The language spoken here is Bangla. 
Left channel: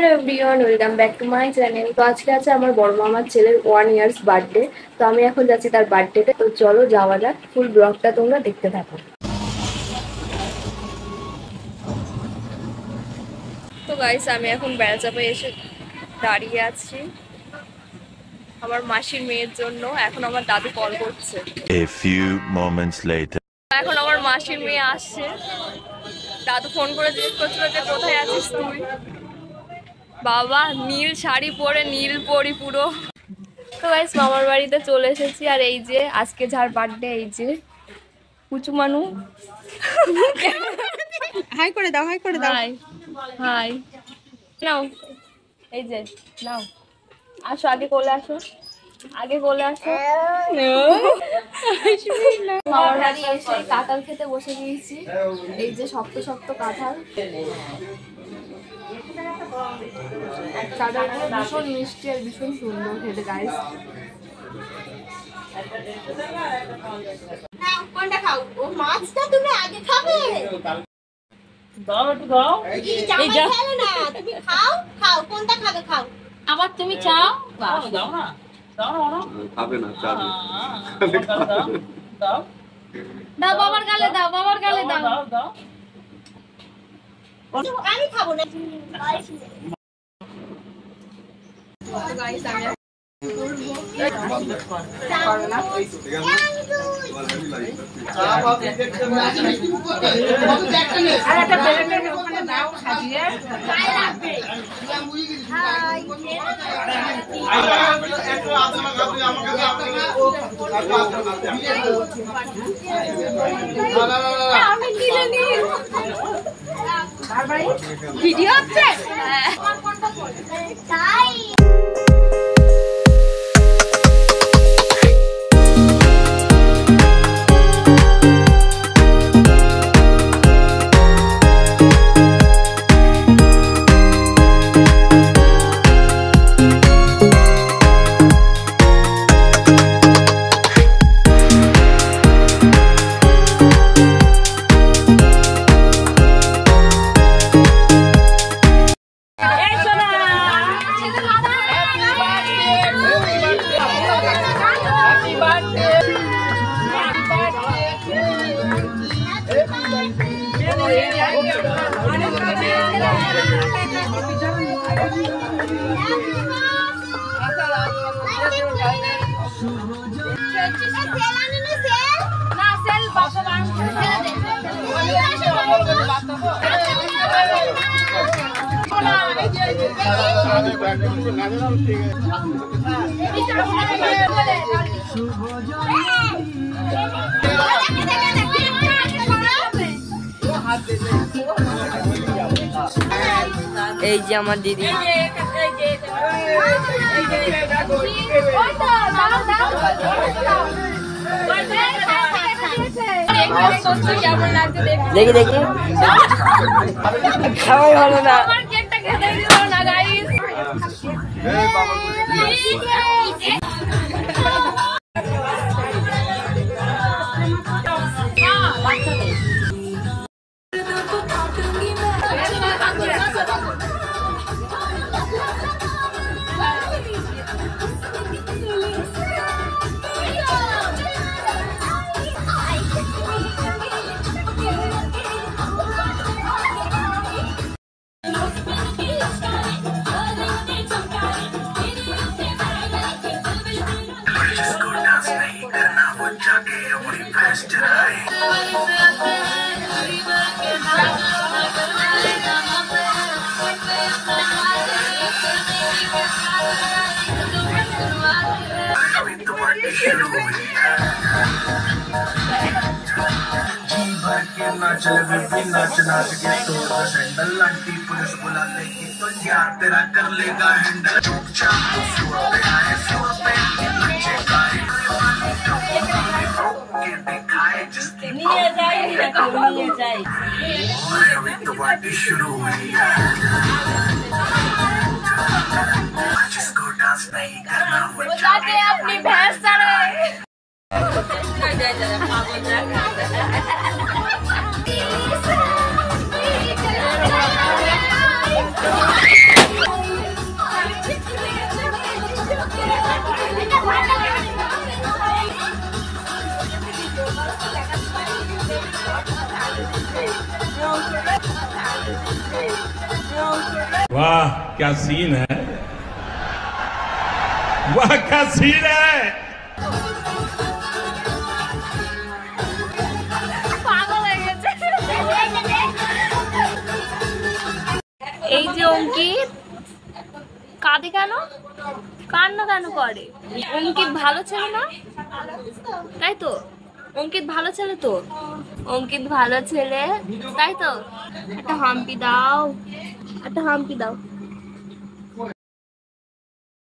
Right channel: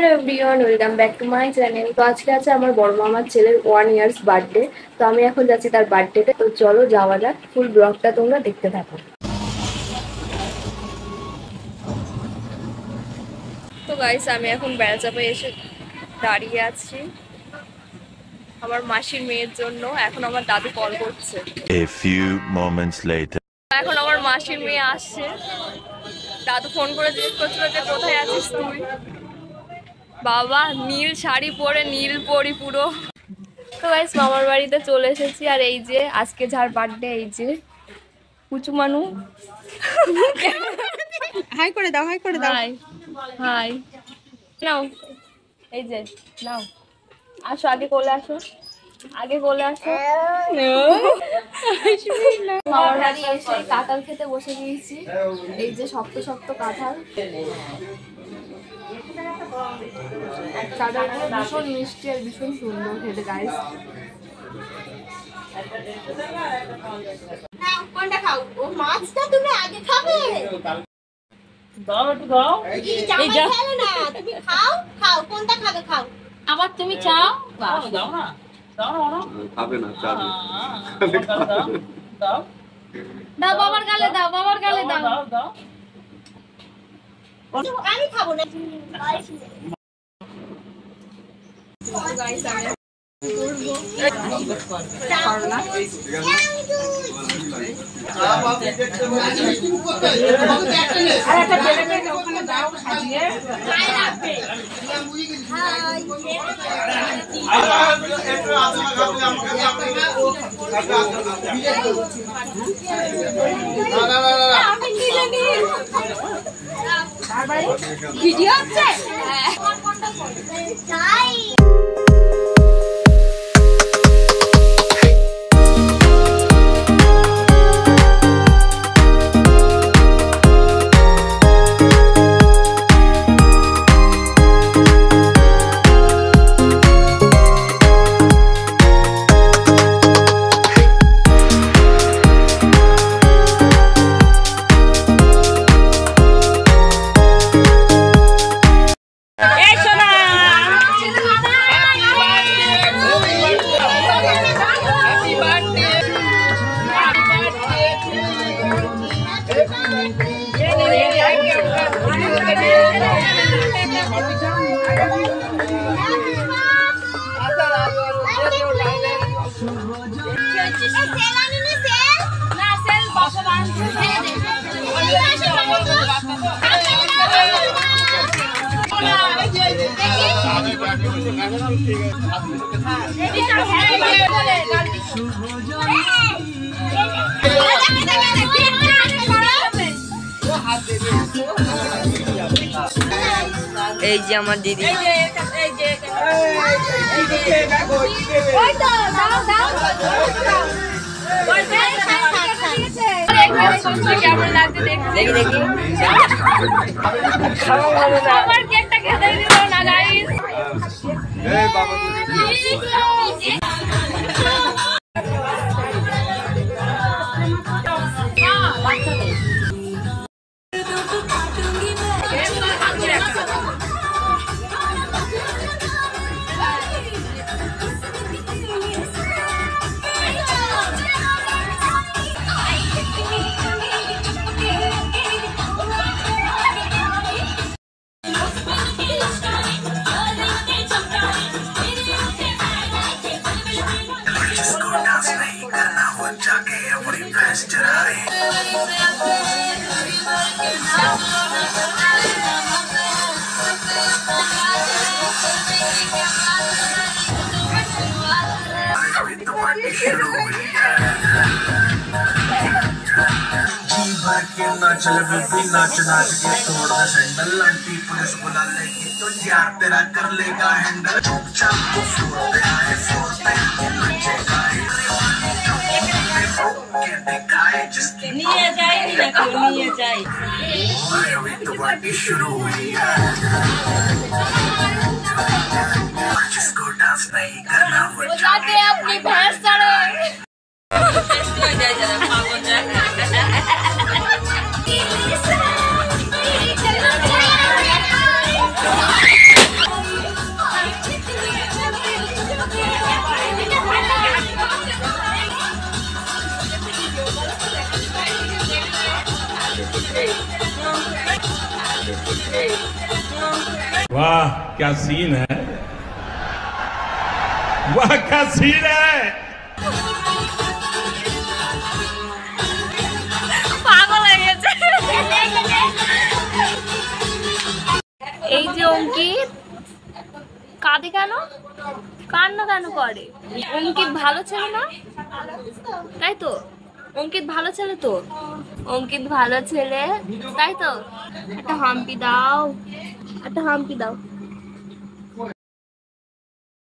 Hello everyone, welcome back to my channel. তো আজকে আছে আমার বড় মামার ছেলের 1 ইয়ার্স বার্থডে। তো আমি এখন যাচ্ছি তার বার্থডেতে। তো চলো যাওয়া যাক, ফুল ব্লগটা তোমরা দেখতে থাকো। তো গাইস, আমি এখন বেড়াচাপে এসে দাঁড়িয়ে আছি আমার মাসির মেয়ের জন্য। এখন আমার দাদু কল করছে। A few moments later. এখন আমার মাসির মেয়ে আসছে। দাদু ফোন করে জিজ্ঞেস করছিল যে কোথায় আছিস তুই। বাবা নীল শাড়ি পরে, নীল পরি পুরো। তো গাইস, মামার বাড়িতে চলে এসেছি। আর এই যে আজকে যার বার্থডে, এই যে পুচু মানু। হাই করে দাও, হাই করে দাও। হাই হাই, নাও এই যে নাও, আসো আগে কোলে আসো, আগে কোলে আসো। মামার বাড়ি এসে কাঁঠাল খেতে বসে গিয়েছি। এই যে শক্ত শক্ত কাঁঠাল, কাঁঠালগুলো ভীষণ মিষ্টি আর ভীষণ সুন্দর খেতে গাইস। কোনটা খাও? ও মাছটা তুমি আগে খাবে। দাও একটু দাও। এই যা খেলো না, তুমি খাও খাও, কোনটা খাবে খাও। আবার তুমি চাও? দাও না দাও না দাও। খাবে না চাবে। দাও দাও বাবার গালে দাও, বাবার গালে দাও। দাও দাও। আমি খাবো না। গাইস আমি ভিডিও হচ্ছে। এই যে আমার দিদি। কেমন লাগছে দেখি দেখি। আমার কেকটা খেতে দিল না গাইস। चले बेबी नाच नाच के तोड़ दे सैंडल, आंटी पुलिस बुला लेगी तो यार तेरा कर लेगा हैंडल। चुपचाप तो फ्लोर पे आए, फ्लोर पे नचेगा के दिखाए जिसकी अभी तो पार्टी शुरू हुई है। जिसको डांस नहीं करना वो जाके अपनी भैंस चढ़े। वाह क्या सीन है, वाह क्या सीन है। পাগল হয়ে গেছে। এই যে অঙ্কিত কাঁদে কেন, কান্না কেন করে? অঙ্কিত ভালো ছেলে না, তাই তো? অঙ্কিত ভালো ছেলে তো, অঙ্কিত ভালো ছেলে তাই তো? একটা হাম্পি দাও, একটা হাম্পি দাও।